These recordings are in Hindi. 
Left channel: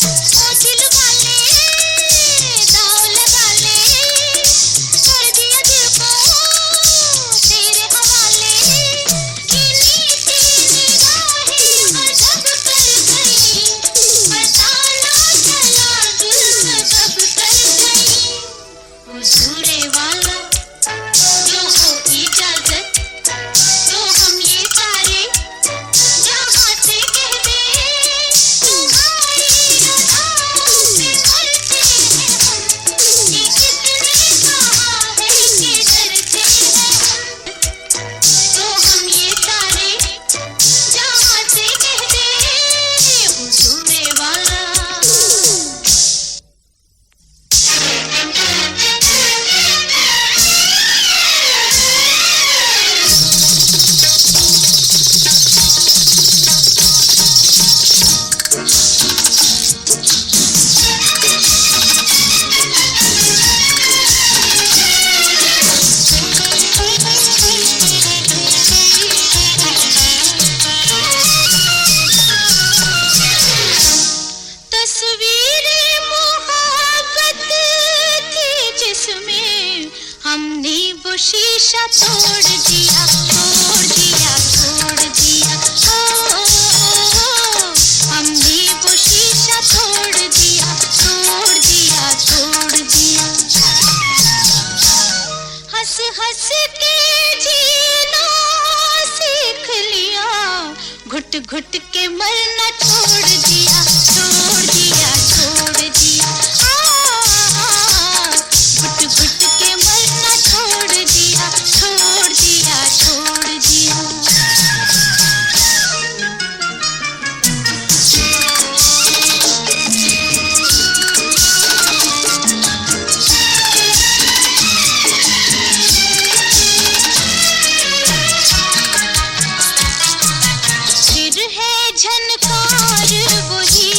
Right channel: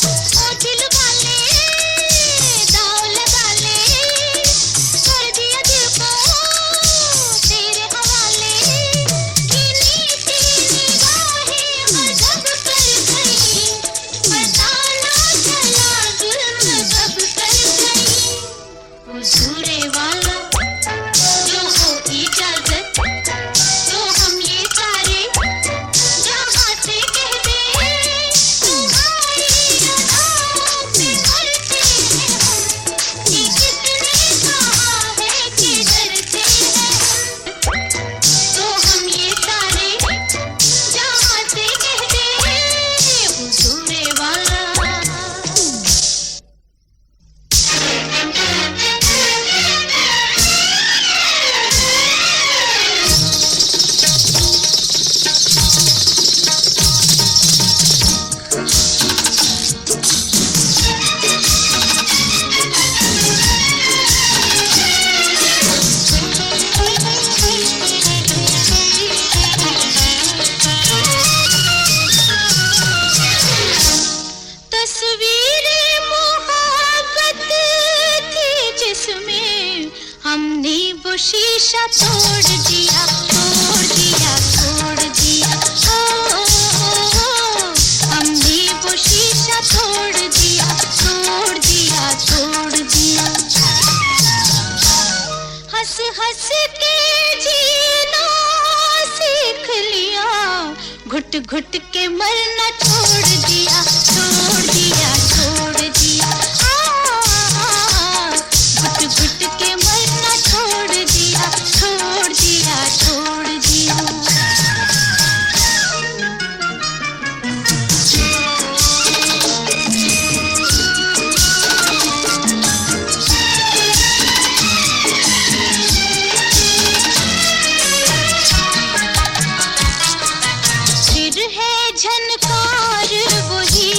ओ दिल वाले दाव लगा ले, कर दिया दिल को तेरे हवाले। गिनी सी निगाहें अजब कर गई, पता ना चला दिल में कब कर गई। हुजूरे वाला जो हो इजाजत, तो हम ये सारे जहाँ से कह दे, तुम्हारी अदाओं से डरते हैं हम, ये किसने कहा है कि डरते हैं हम। तो हम ये सारे जहाँ से कह दे, हुजूरे वाला। तस्वीरें मोहब्बत थी जिसमें हमने वो शीशा तोड़ दिया, तोड़ दिया, तोड़ दिया। ओ, हमने वो शीशा तोड़ दिया, तोड़ दिया, तोड़ दिया। हंस हंस के जीना सीख लिया, घुट घुट के मरना छोड़ दिया, छोड़ दिया, छोड़ दिया। घुट घुट के मरना छोड़ दिया, छोड़ दिया, छोड़ दिया। फिर है झनकार वही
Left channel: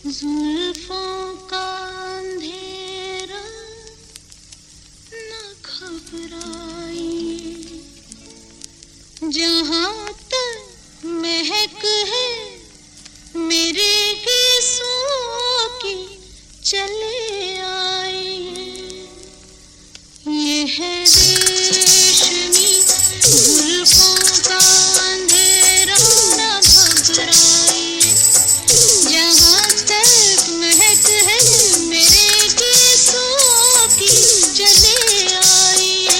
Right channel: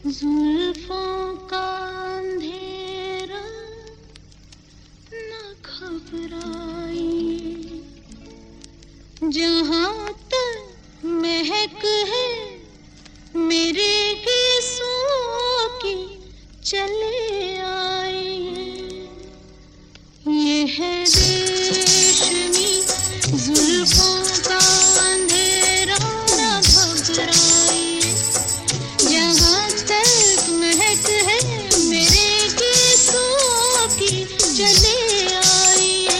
जुल्फों का अंधेरा न घबराइए, जहाँ तक महक है मेरे गीसों की चले आइए। ये है रेशमी जुल्फों का अंधेरा न घबराइए, जहाँ तक महक है मेरे गीसों की चले आइए।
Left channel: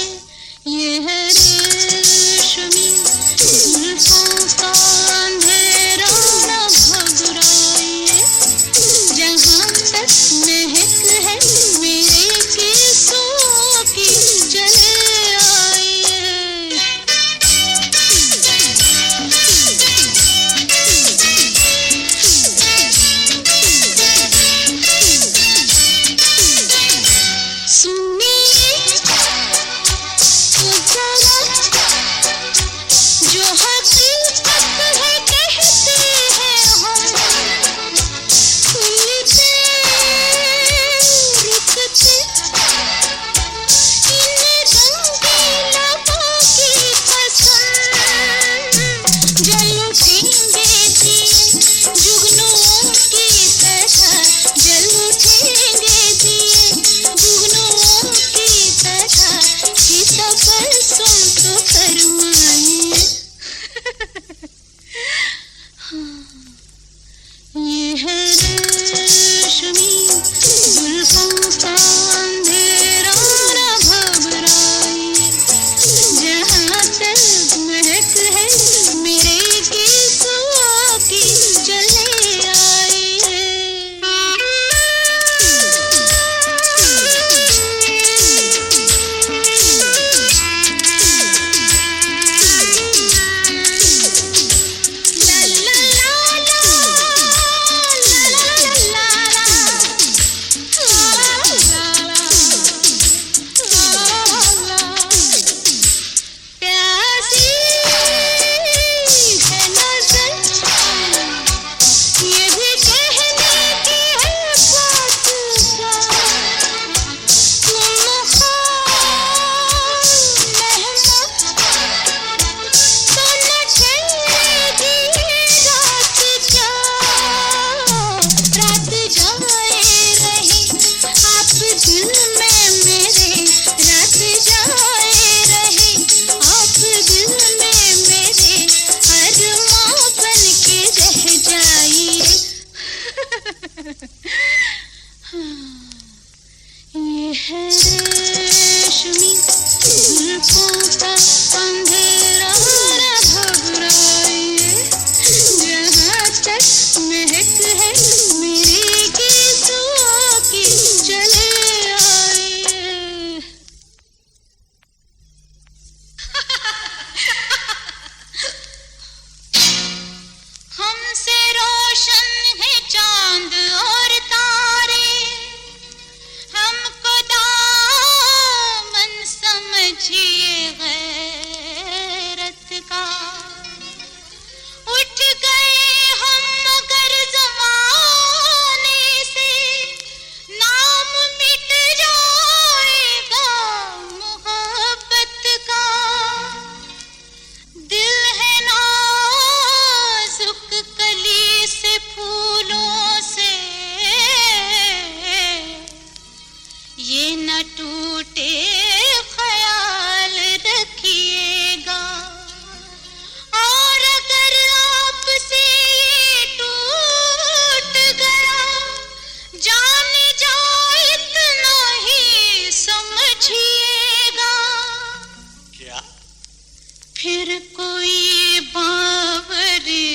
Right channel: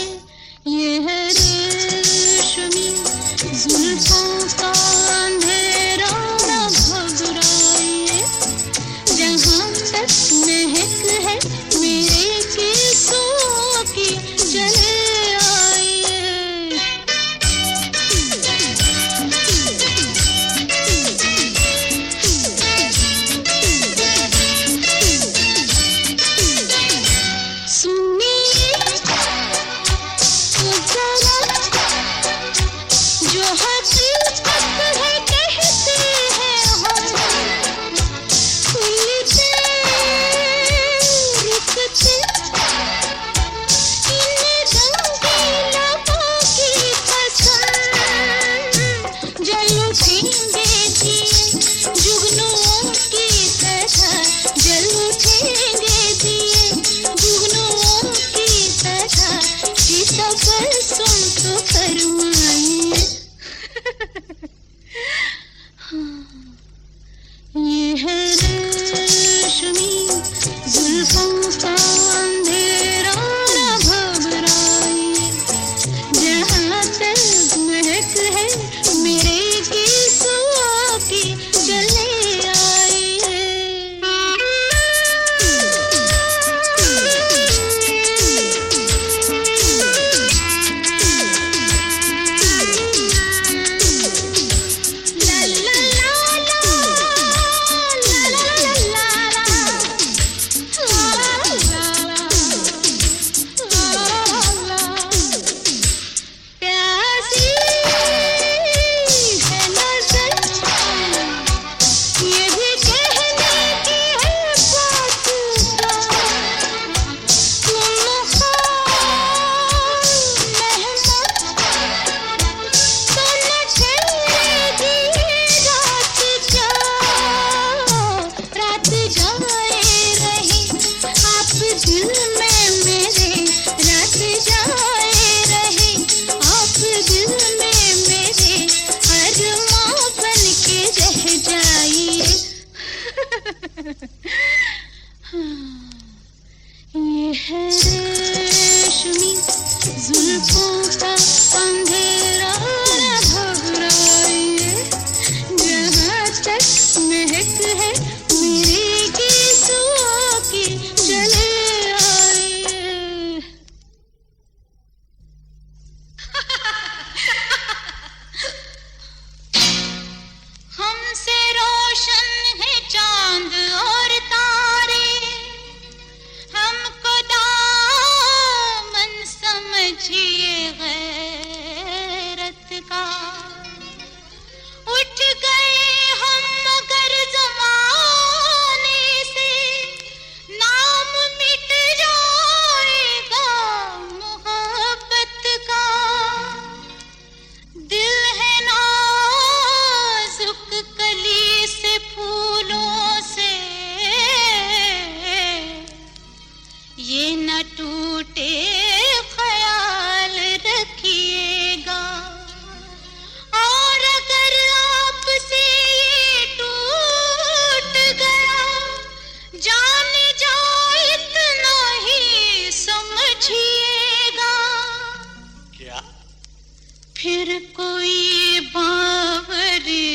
ये है रेशमी जुल्फों का अंधेरा न घबराइए, जहाँ तक महक है मेरे गीसों की चले आइए। सुनिए तो जरा, जो हकीकत है कहते हैं हम, खुलते रुकते इन रंगीला की कसम, जल उठेंगे दिए जुगनुओं की तरह, जल उठेंगे दिए जुगनुओं की तरह, सीता पर सुन तो फरमाइए। ये है रेशमी जुल्फों का अंधेरा न घबराइए, जहाँ तक महक है मेरे गीसों की चले आइए। ला ला ला ला, ला ला ला ला, ला ला ला। प्यासी है नज़र, ये भी कहने की है बात का, तुम ख्वाब मेहमान तो न ठहरेगी रात क्या, रात जाए रही आप दिल में मेरे, रात जाए रही आप दिल में मेरे, अरमां बन के रह जाइए। ये है रेशमी जुल्फों का अंधेरा न घबराइए, जहाँ तक महक है मेरे गीसों की चले आइए। हमसे रोशन है चांद और तारे, हमको दामन समझिए गैरत का, उठ गए हम मगर ज़माने से, नाम मिट जाएगा मोहब्बत का। दिल है नाजुक कली से फूलों से, ये न टूटे ख्याल रखिएगा, और अगर आपसे ये टूट गया, जान जाओ इतना ही समझिएगा। क्या? फिर कोई बावरी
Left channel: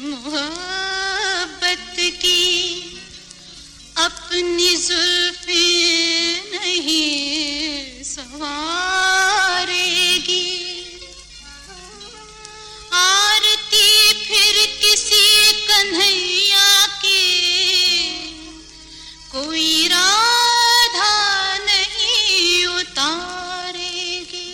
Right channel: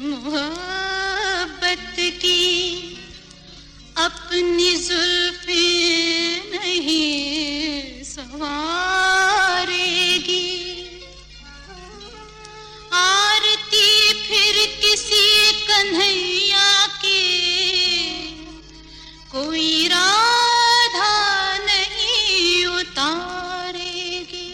मोहब्बत की अपनी जुल्फे नहीं सवारेगी, आरती फिर किसी कन्हैया की कोई राधा नहीं उतारेगी।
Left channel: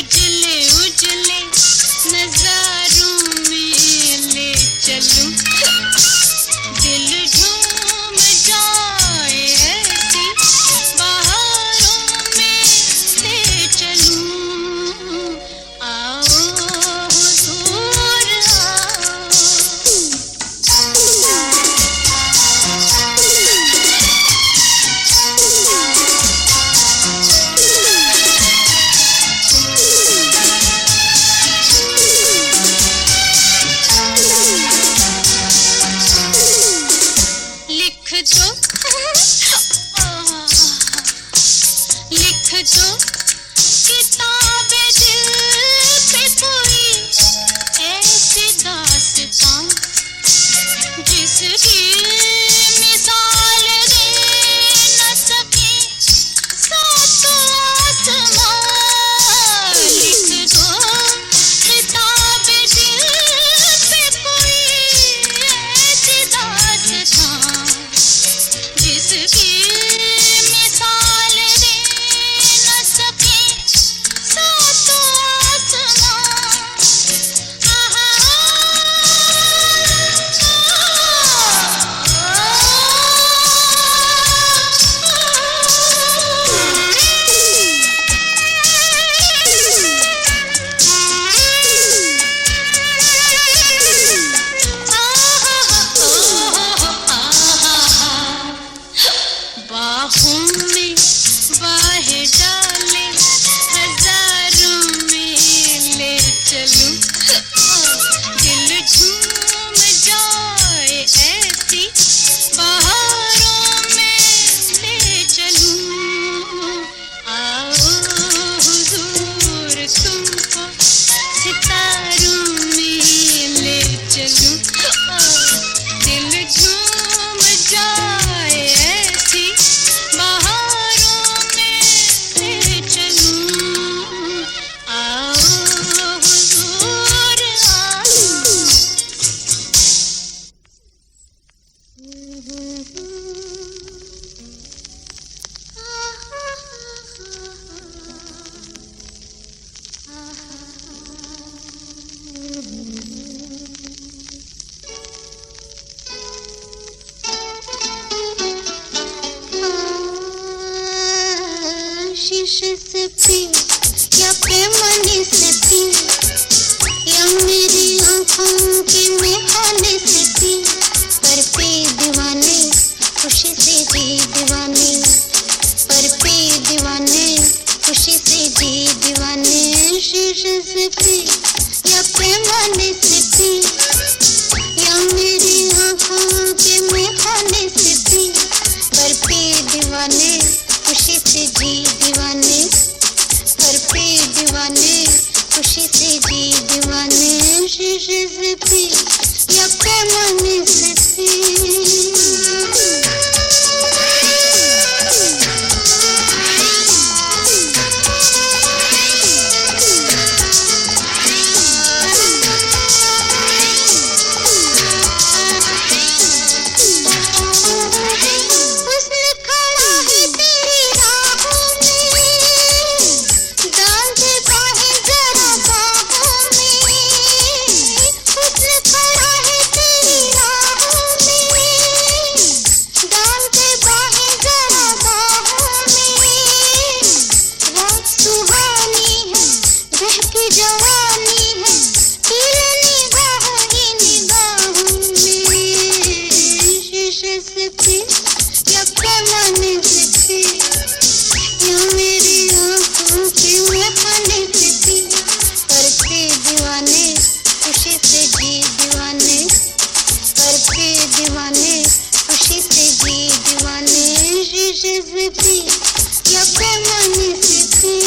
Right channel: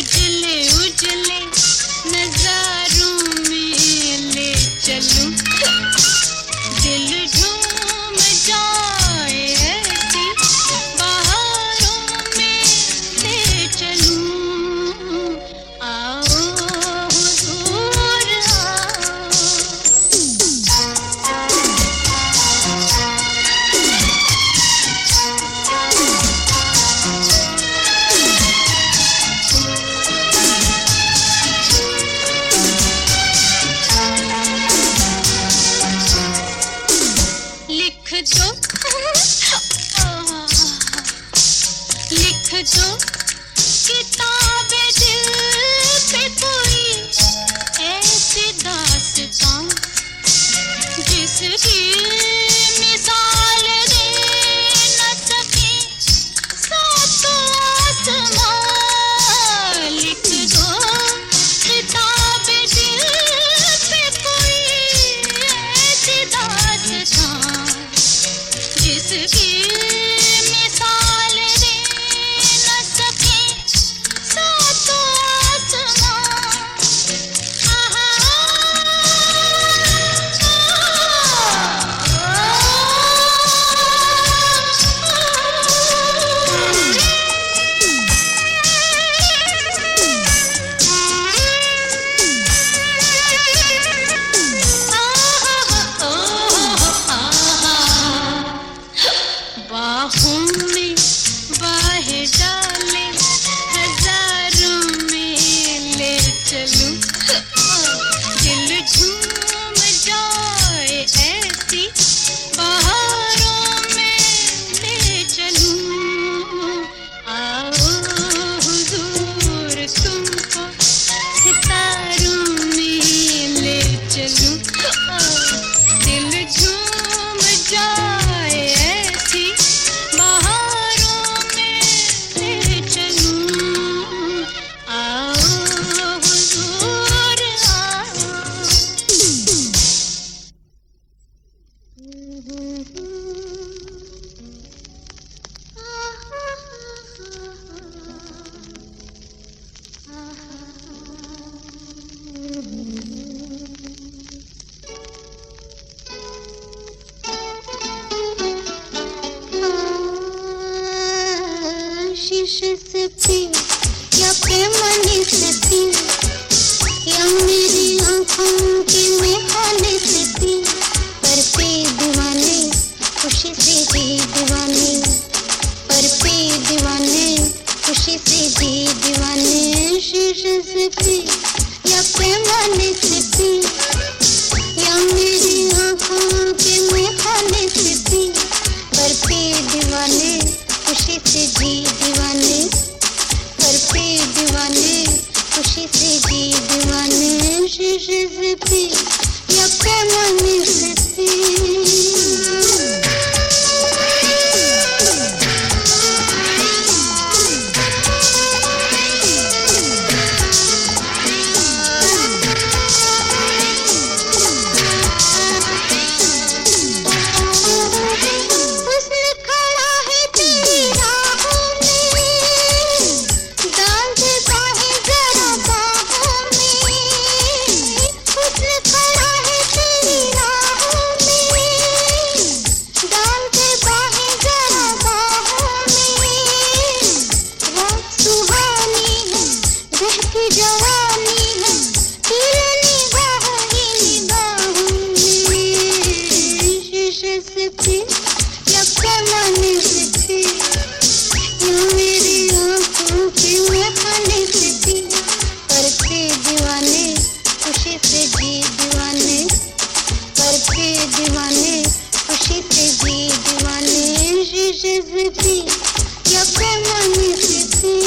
उजले उजले नजारों में ले चलूं, दिल झूम जाए ऐसी बहारों में ले चलूं। आओ हुजूर आओ। लिख दो लिख दो किताबे दिल पे कोई ऐसी दास्तां जिसकी मिसाल दे न सके सातों आसमां। लिख दो किताबे दिल पे कोई ऐसी दास्तां जिसकी मिसाल दे न सके सातों आसमां। बाहों में बाहें डाले हजारों में ले चलूं, दिल झूम जाए ऐसी बहारों में ले चलूं। आओ हुजूर तुमको सितारों में ले चलूं, दिल झूम जाए ऐसी बहारों में ले चलूं। आओ हुजूर आओ। शीशे से पी या पैमाने से पी या मेरी आंखों के मेखाने से पी, पर पे दीवाने खुशी से जी दीवाने, पर पे दीवाने खुशी से जी दीवाने। शीशे से पी या पैमाने से पी या मेरी आंखों के मेखाने से पी, पर पे दीवाने खुशी से जी दीवाने, पर पे दीवाने खुशी से जी दीवाने। शीशे से पी या पैमाने से पी। जवानी है तेरे निगाहों ही निगाहों में। शीशे से पी या पैमाने से पी या मेरी आंखों के मेखाने से पी, पर पे दीवाने खुशी से जी दीवाने, पर पे दीवाने खुशी से जी दीवाने। शीशे से पी या पैमाने से पी।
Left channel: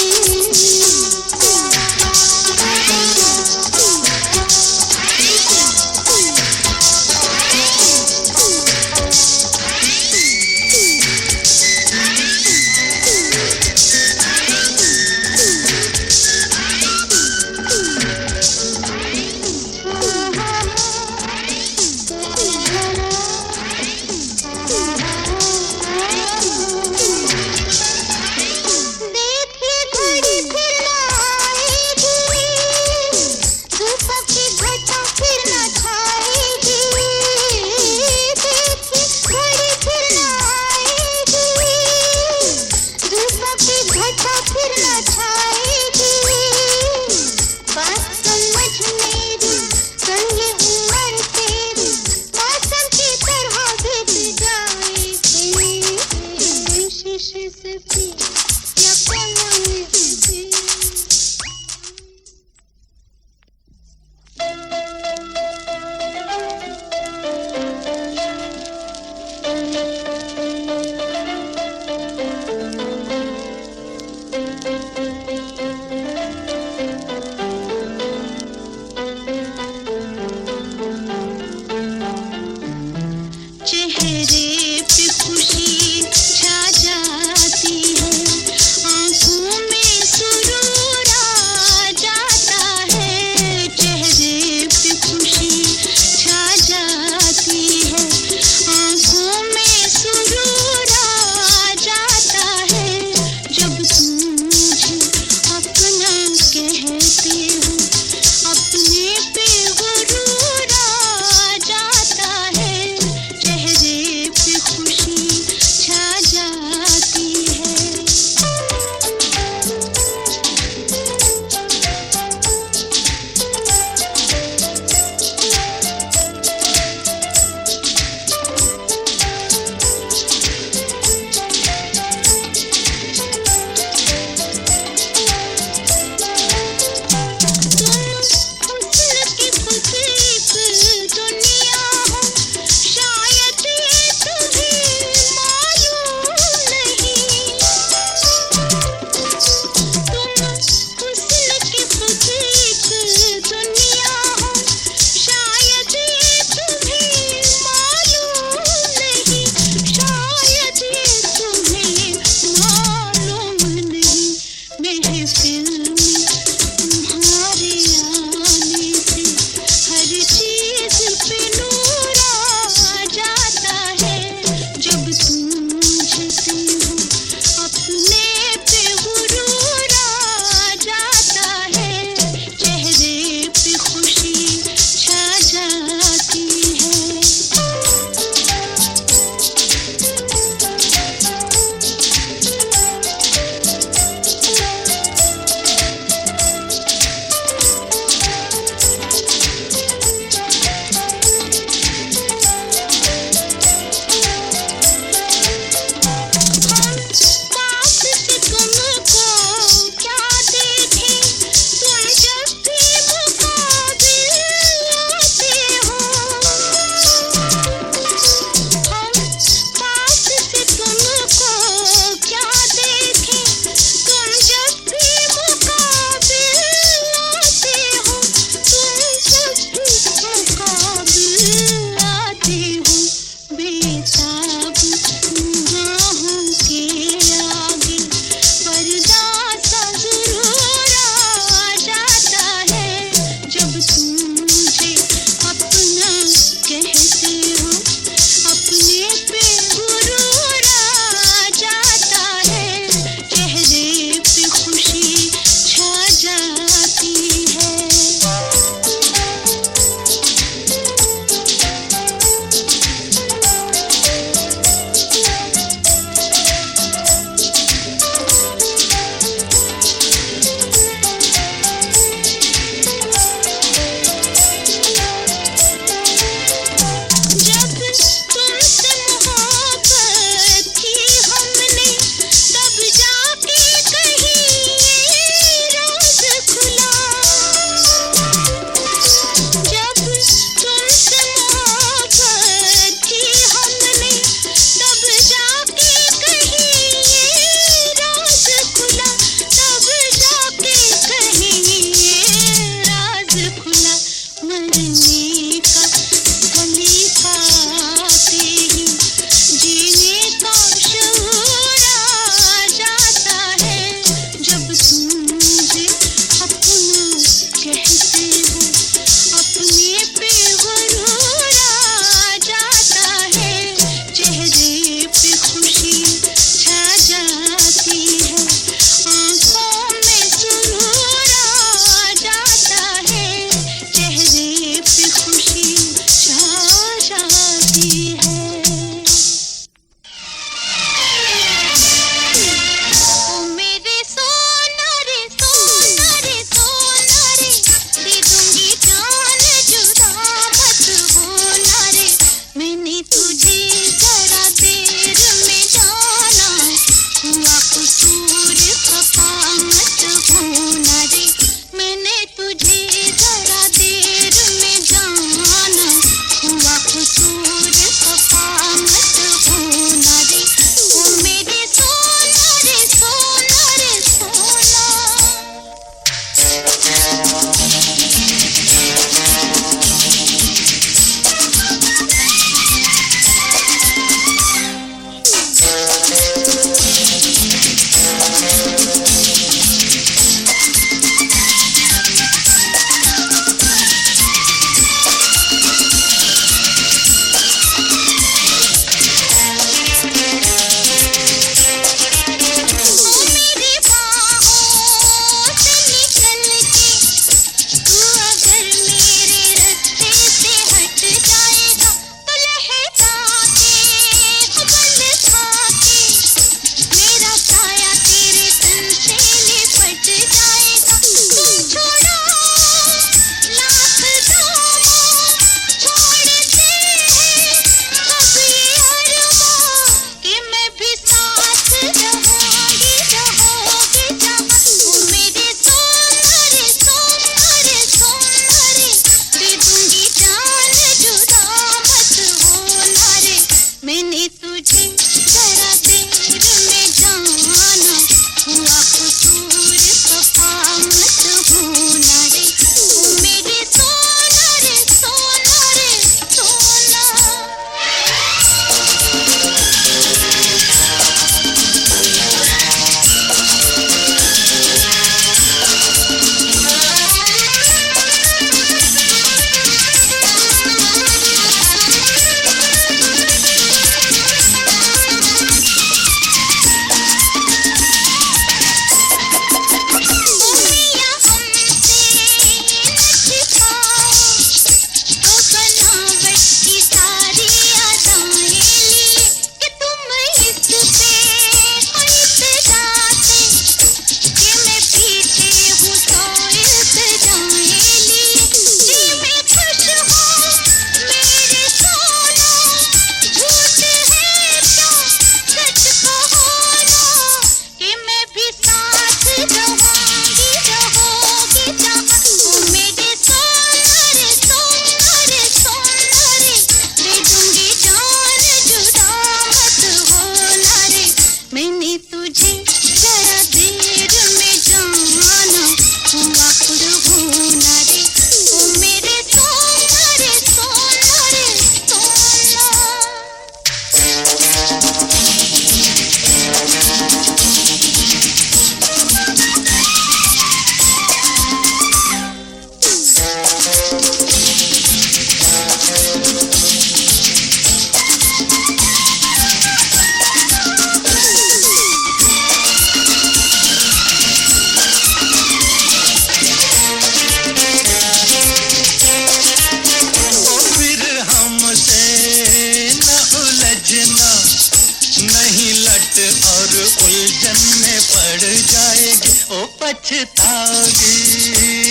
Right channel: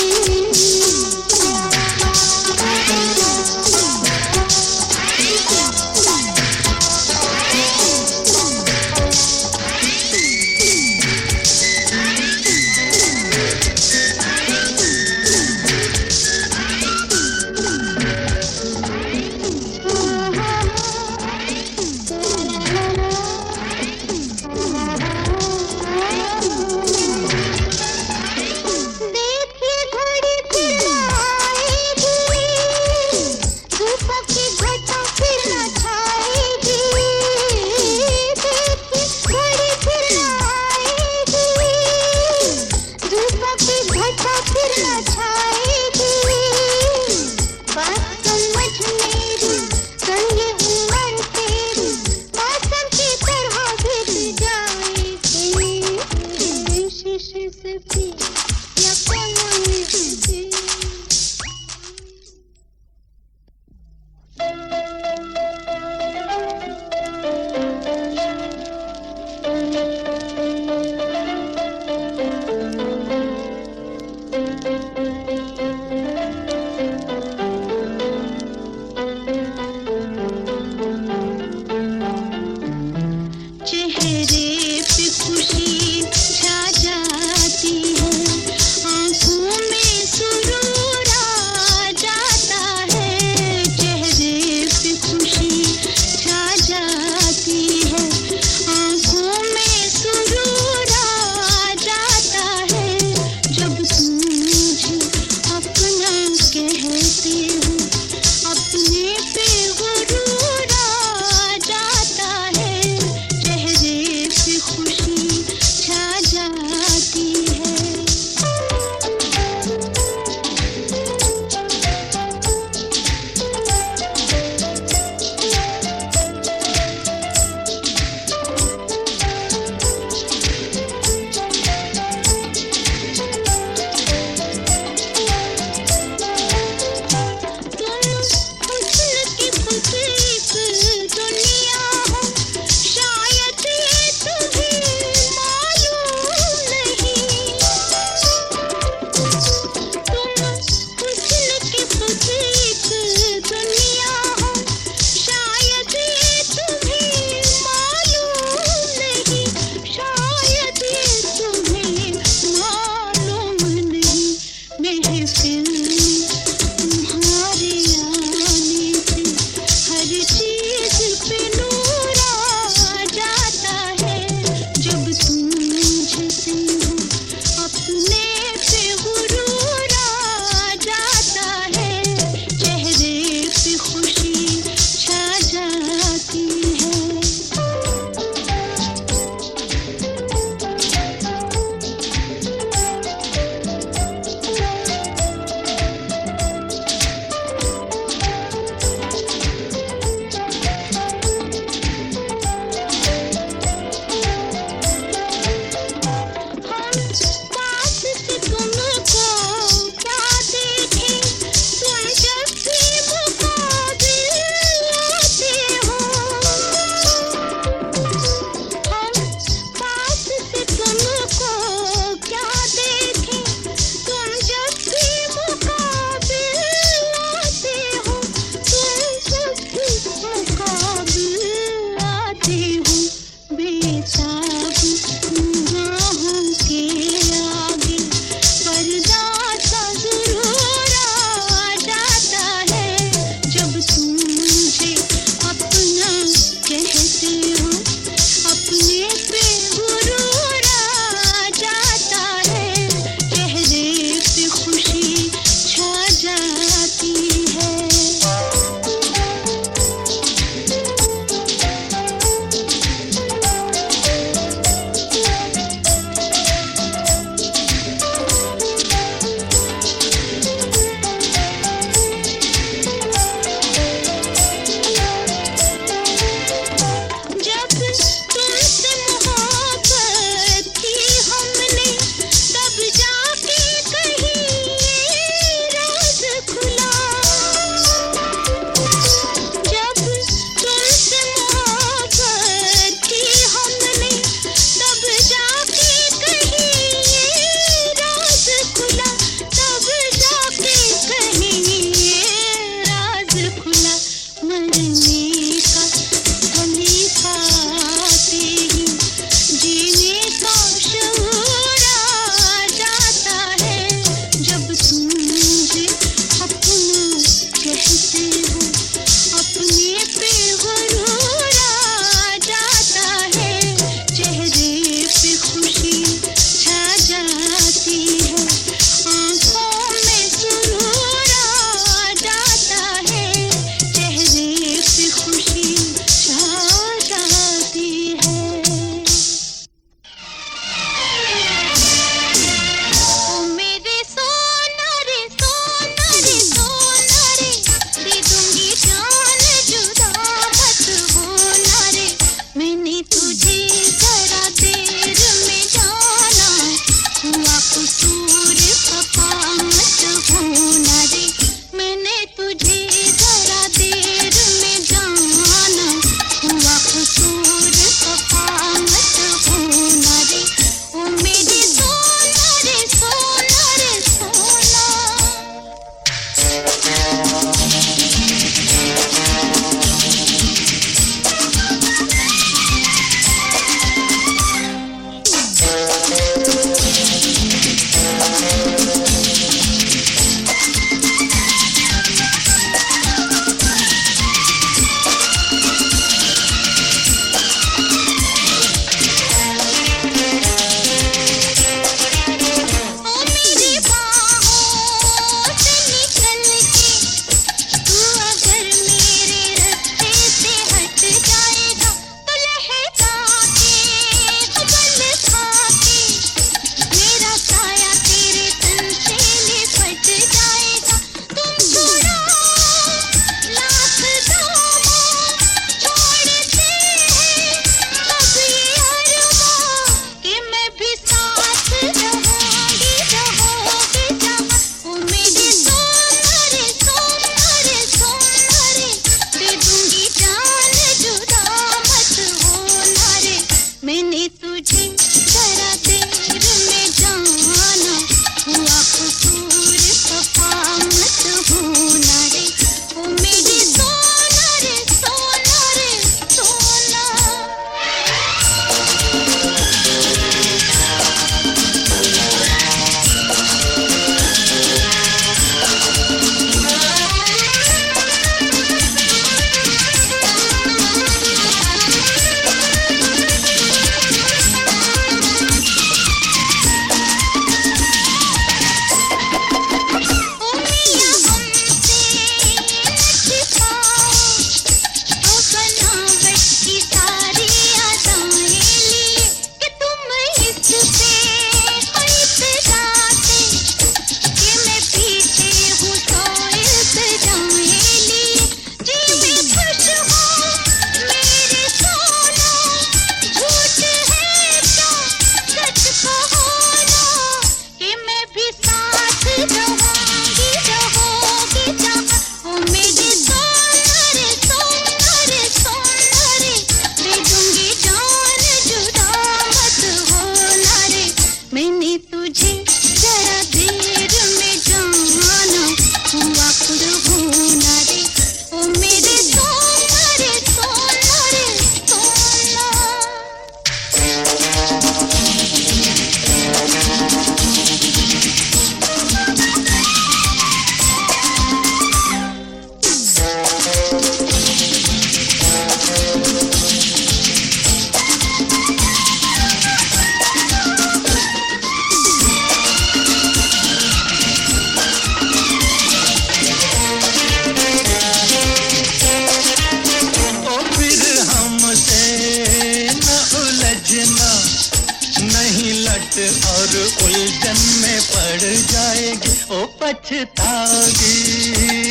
और उलझन में पड़ जाएगी, ओ पछताओगी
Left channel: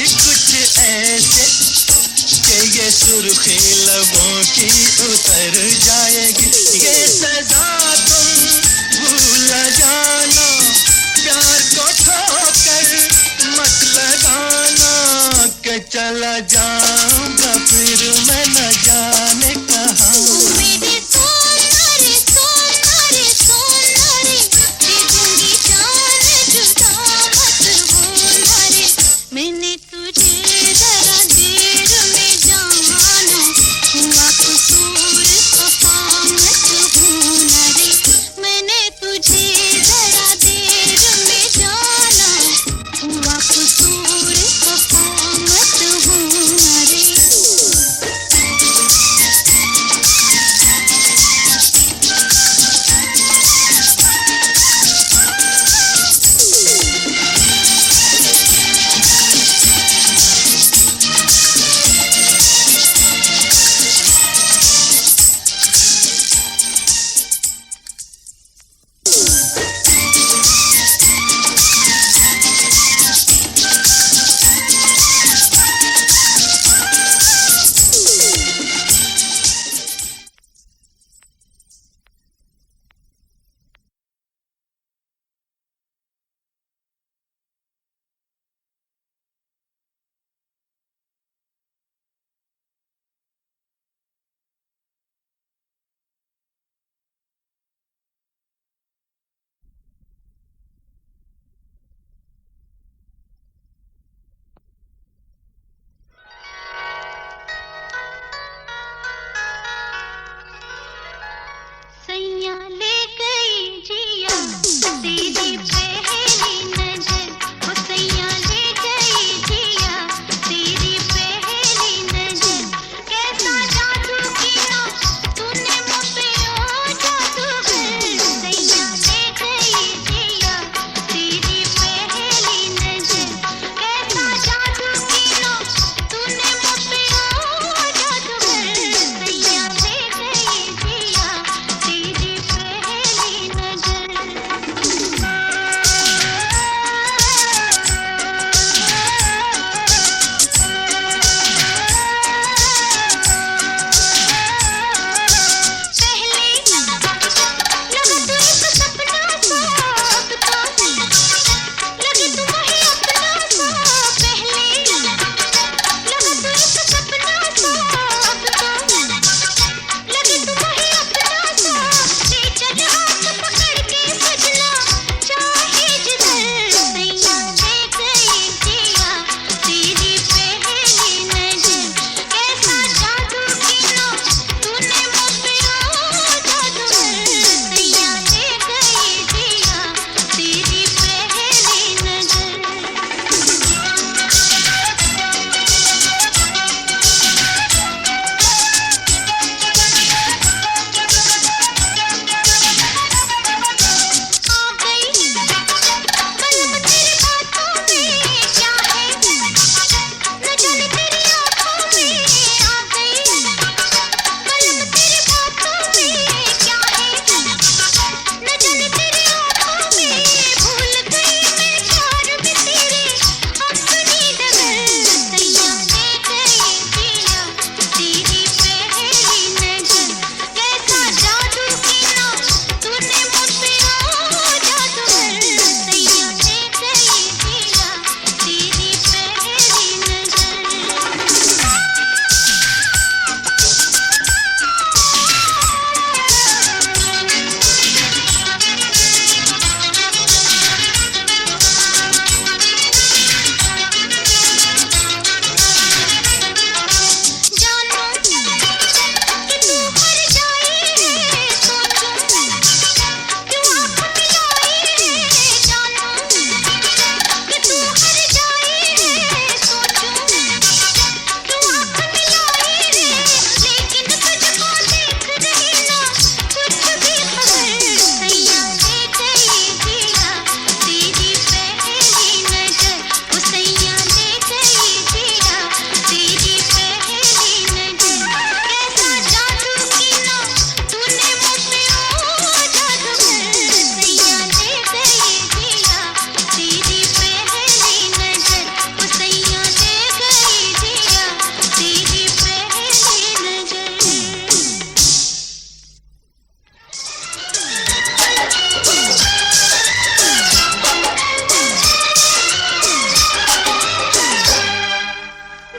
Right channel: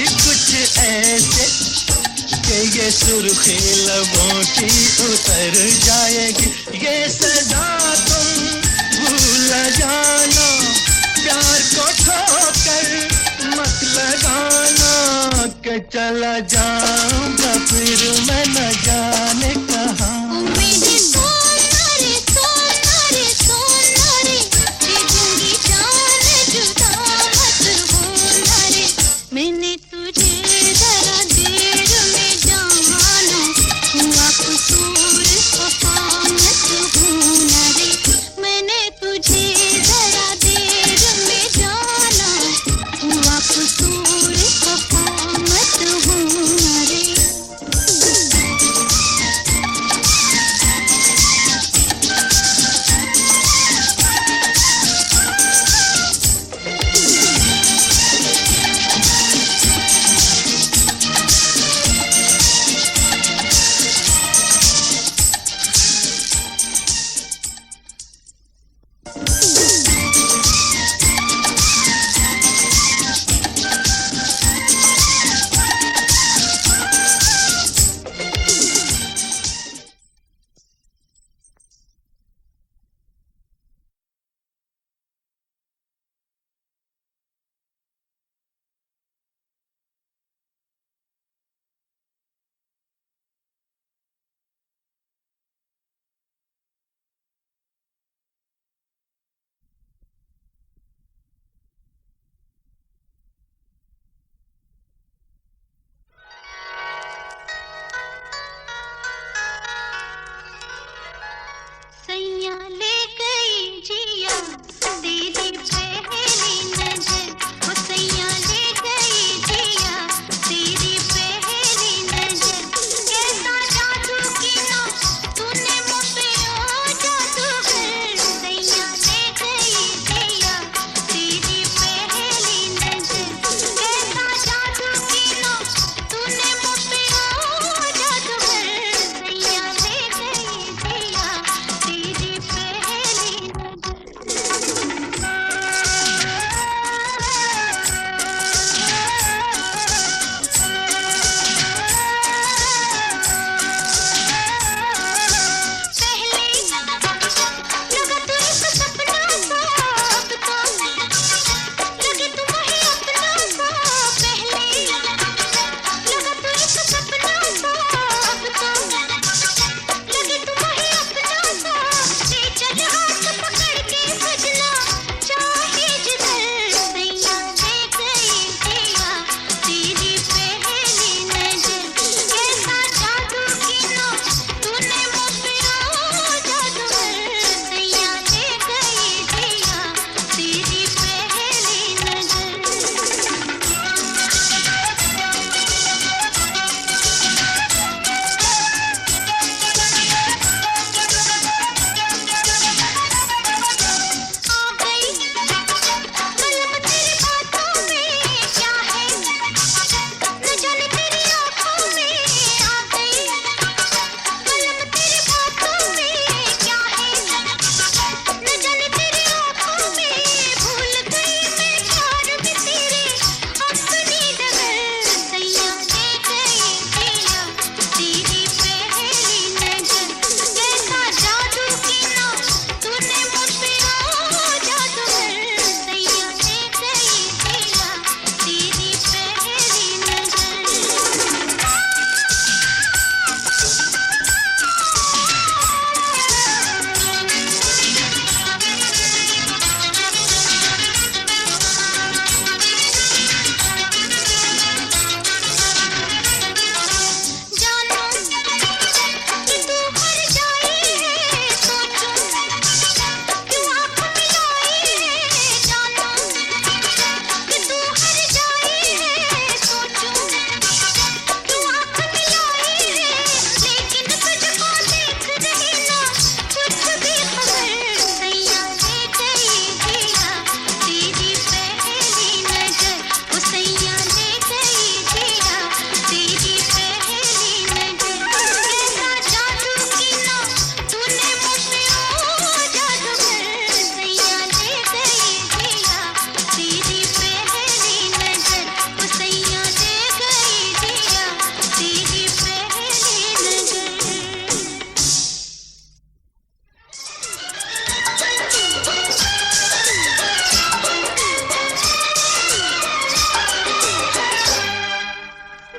कुछ ऐसे कि ये सुर्खी लबों की उतर जाएगी। ये सदा तुम भूल जाना, प्यार को ठोकर मत लगाना कि चला जाऊंगा फिर मैं न जाने कहाँ।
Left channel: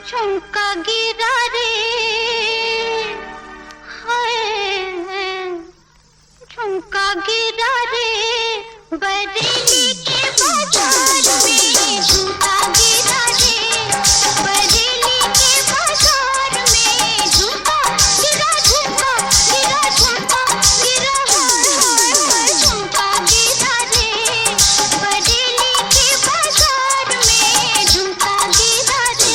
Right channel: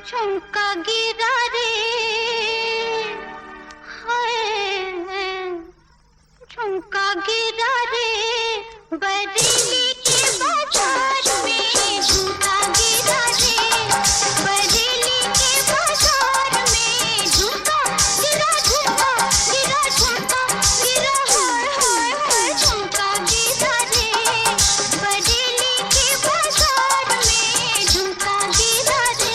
झुमका गिरा रे, हाय झुमका गिरा रे, बरेली के बाजार में झुमका गिरा रे, बरेली के बाजार में झुमका गिरा, झुमका गिरा, झुमका गिरा, हाय हाय झुमका गिरा रे, बरेली के बाजार में झुमका गिरा रे।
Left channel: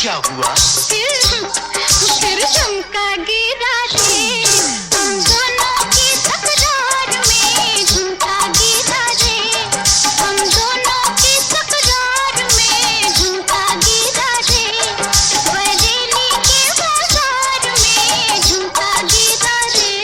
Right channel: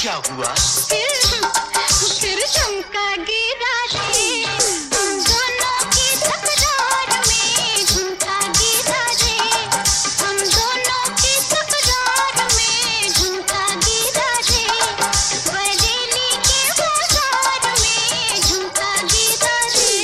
क्या हुआ? फिर झुमका गिरा रे, हम दोनों की तकरार में झुमका गिरा रे, हम दोनों की तकरार में झुमका गिरा रे, बरेली के बाजार में झुमका गिरा रे।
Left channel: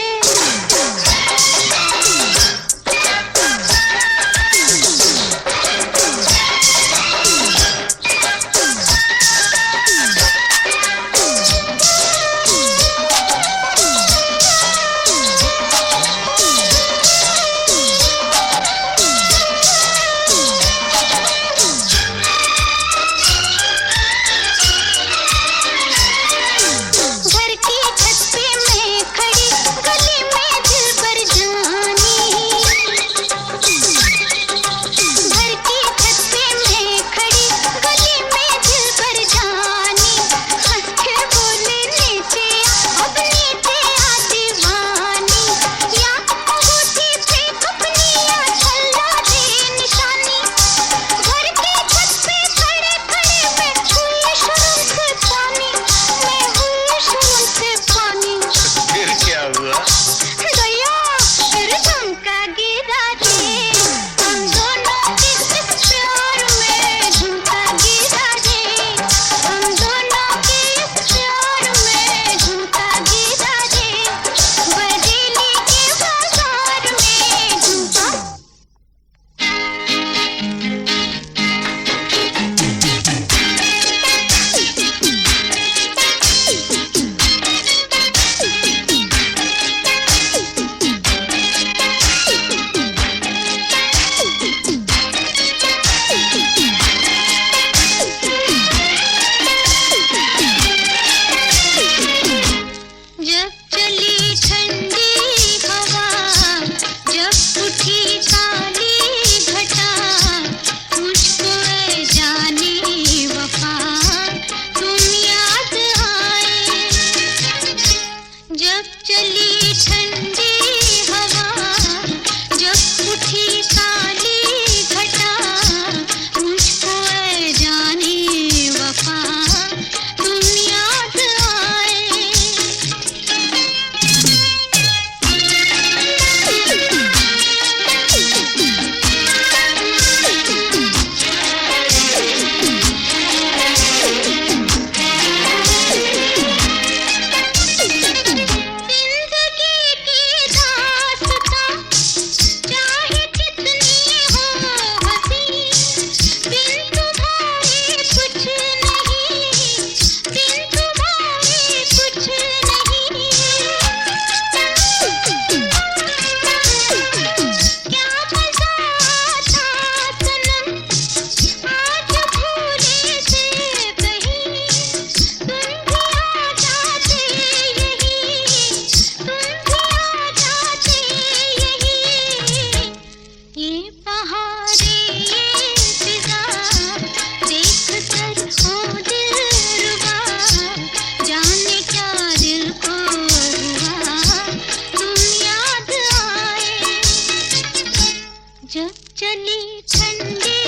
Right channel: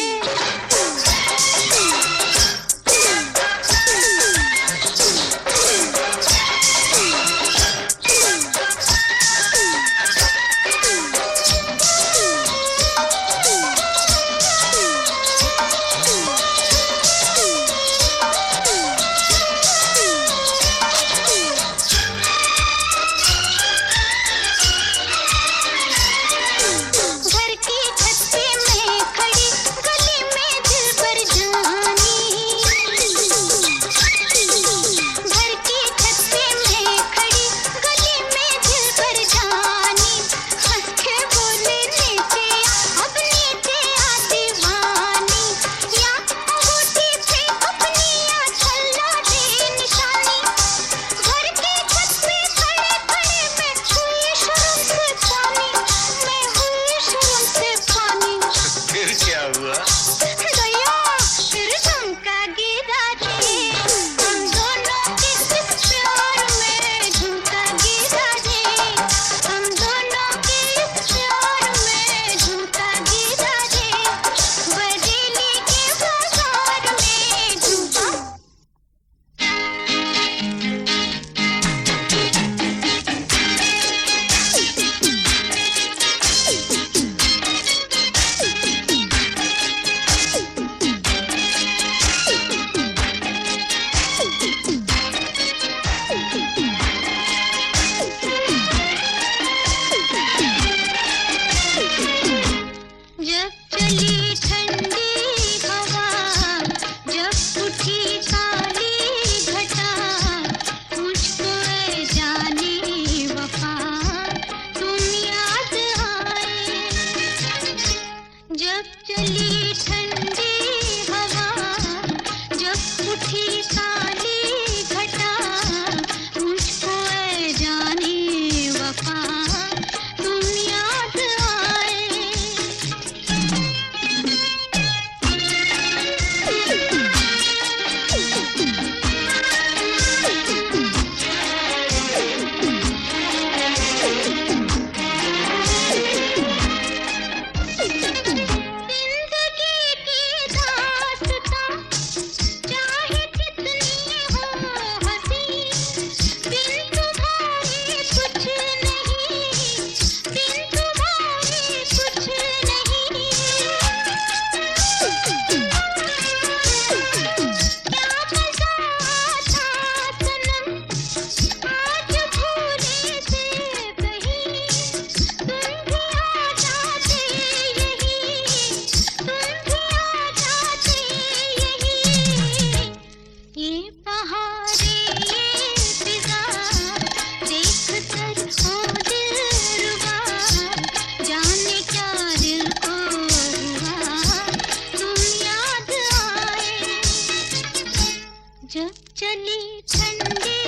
चली ठंडी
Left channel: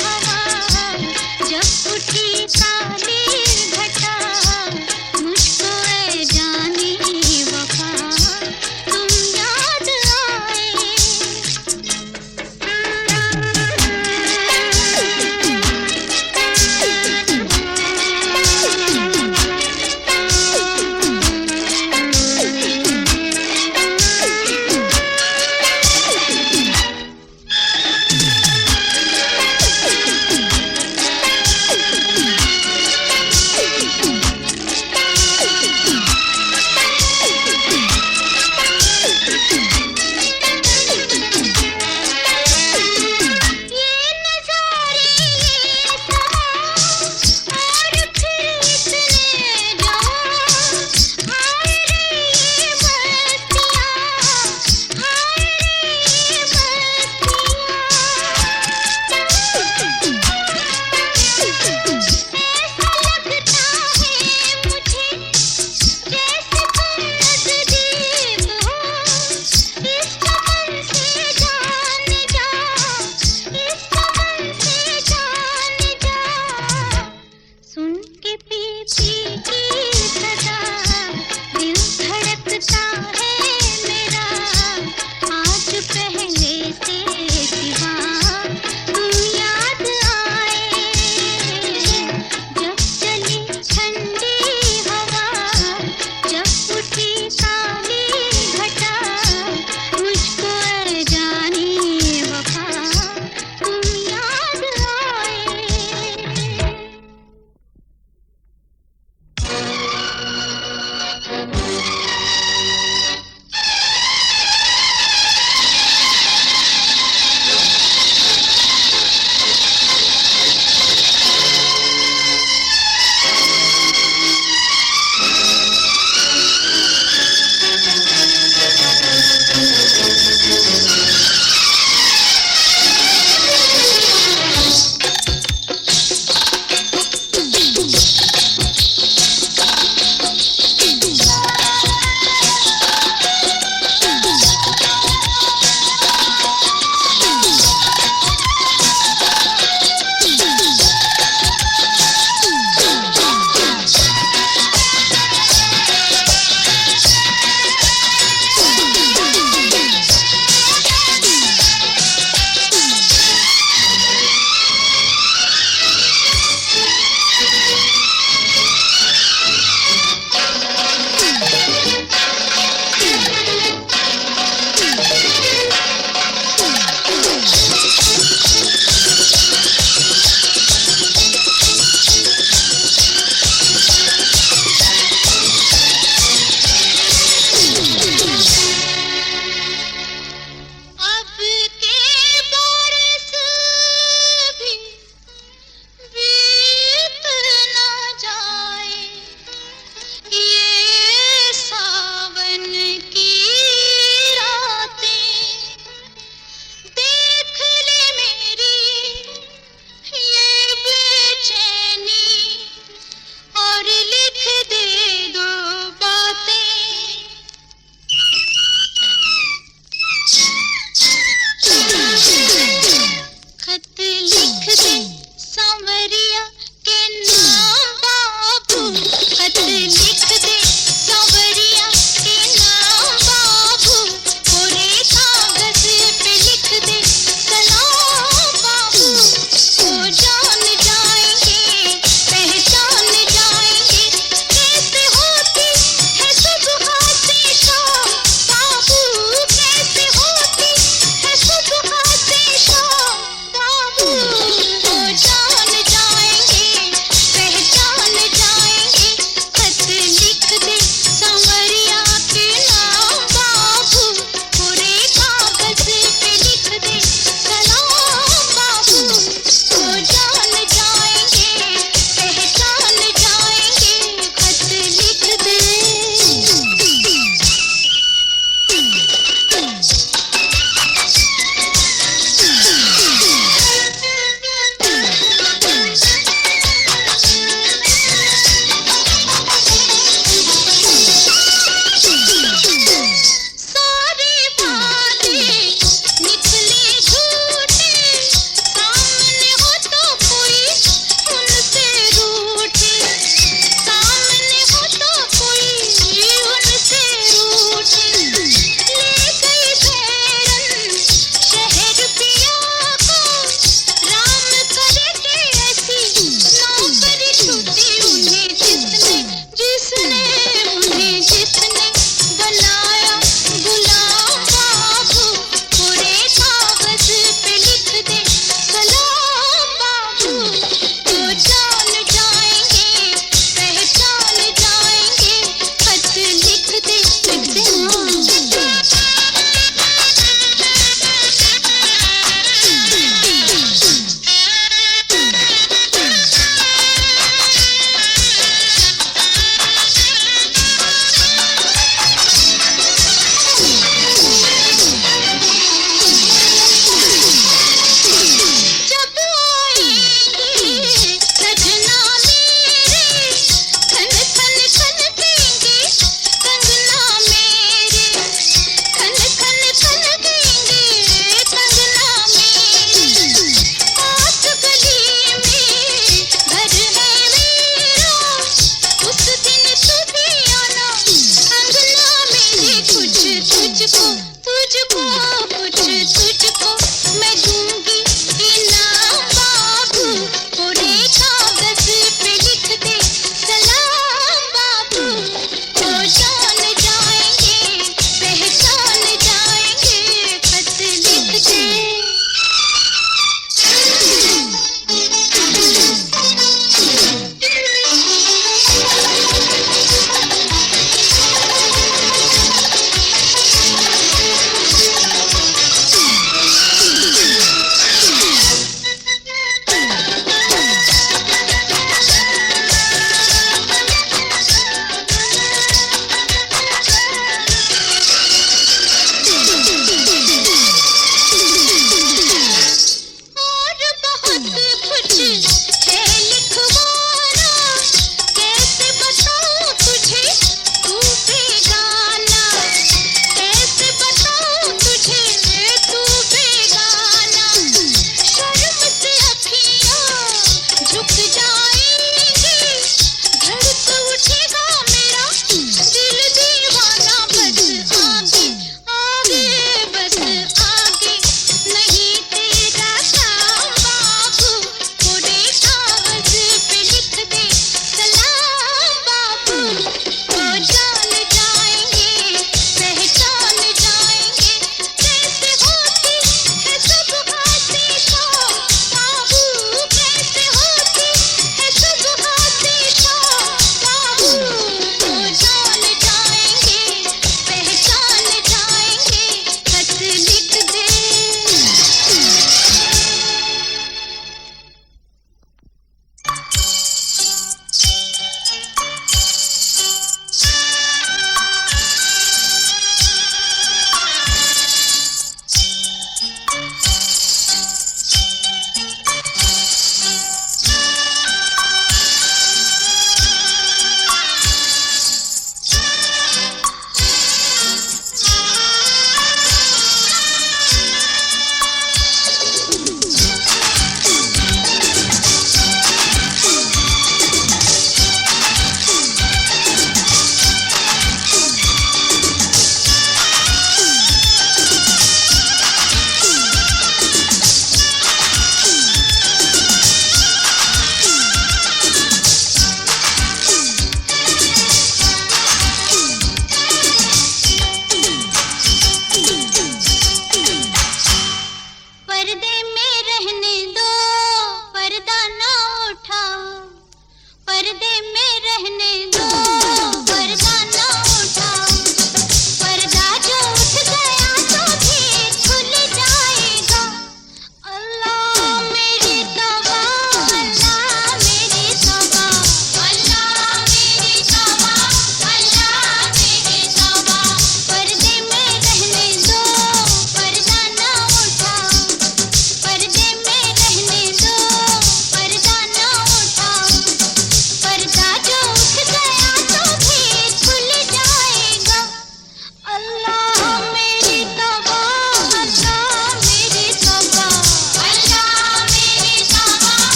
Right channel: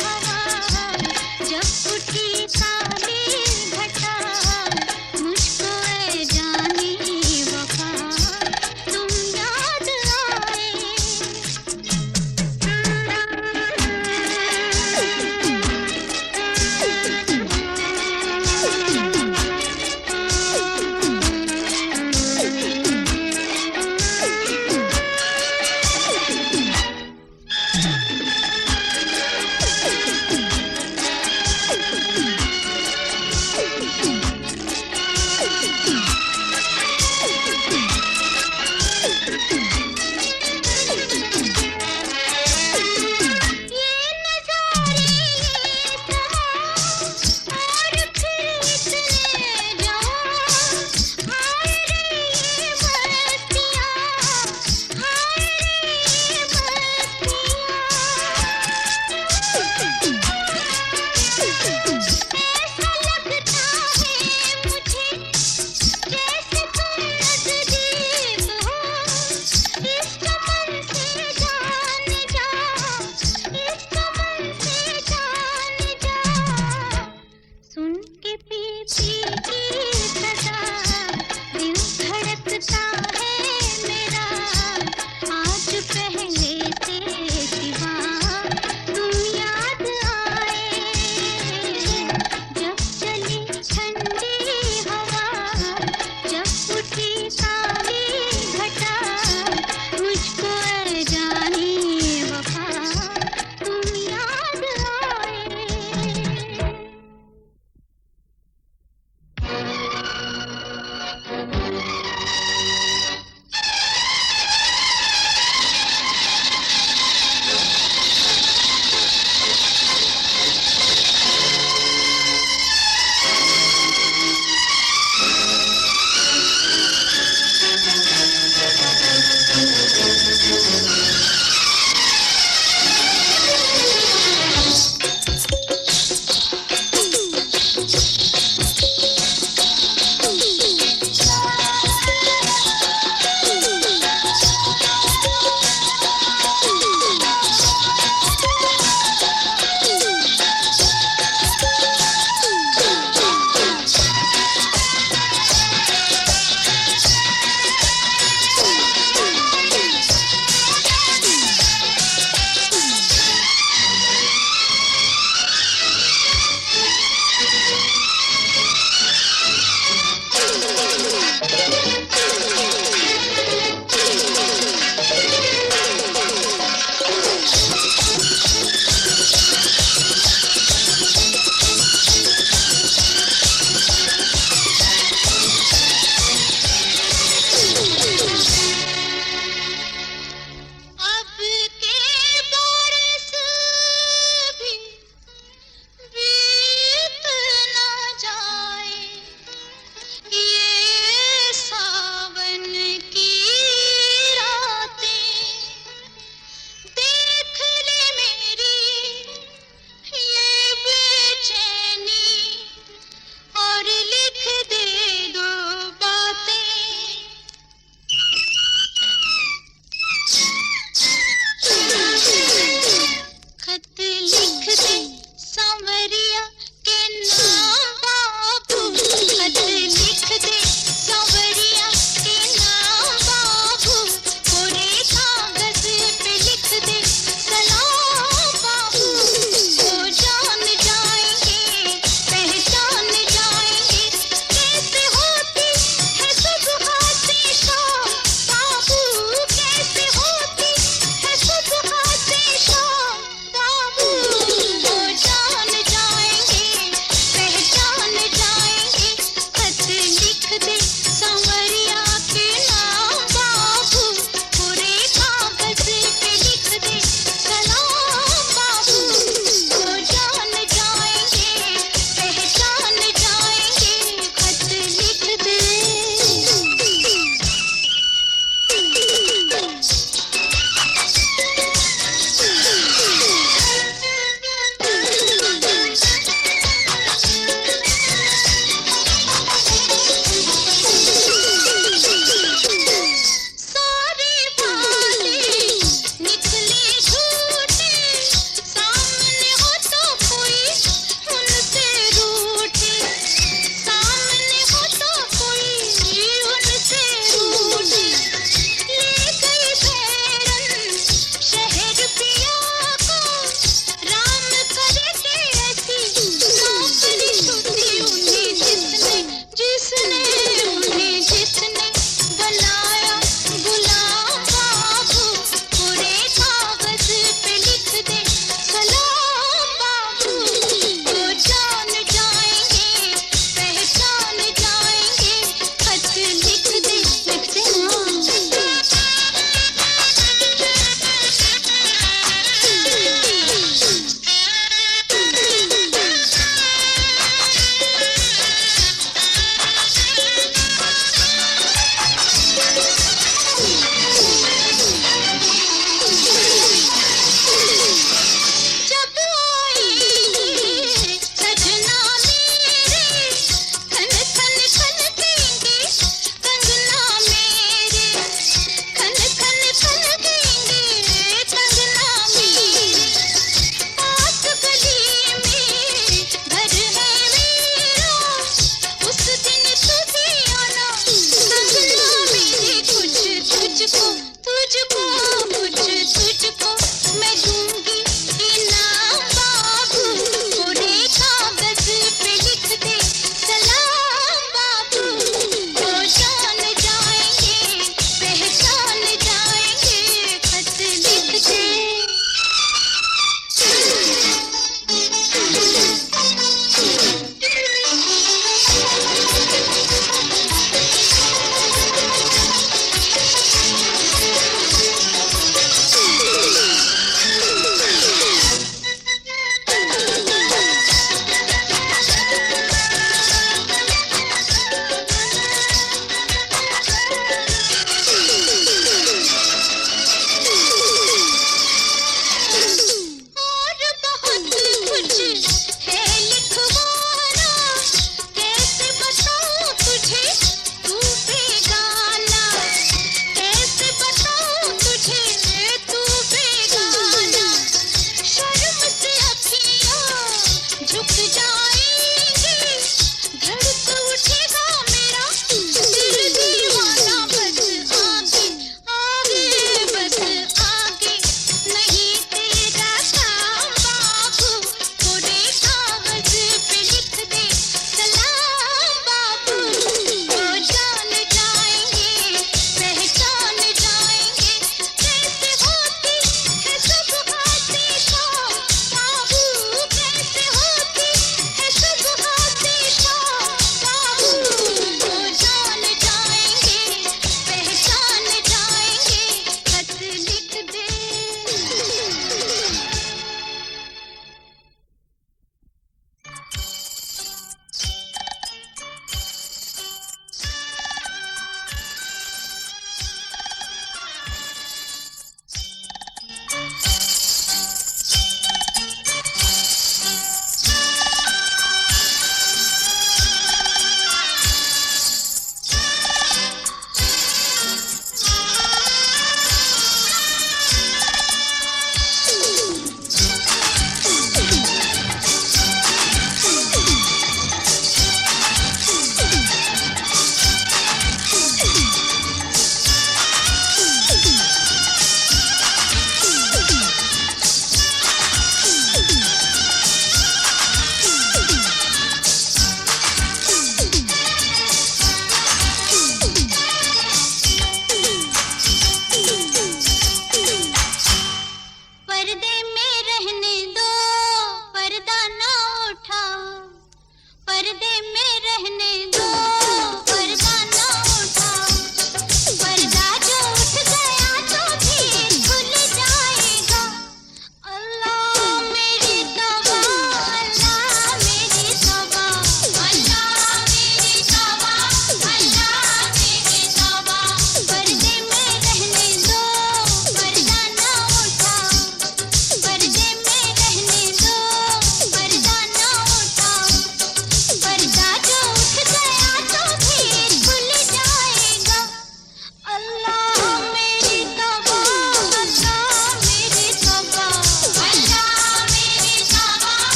हवा, जब उठी काली घटा, मुझको ऐ जाने वफा तुम याद आए।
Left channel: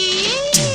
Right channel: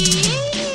पी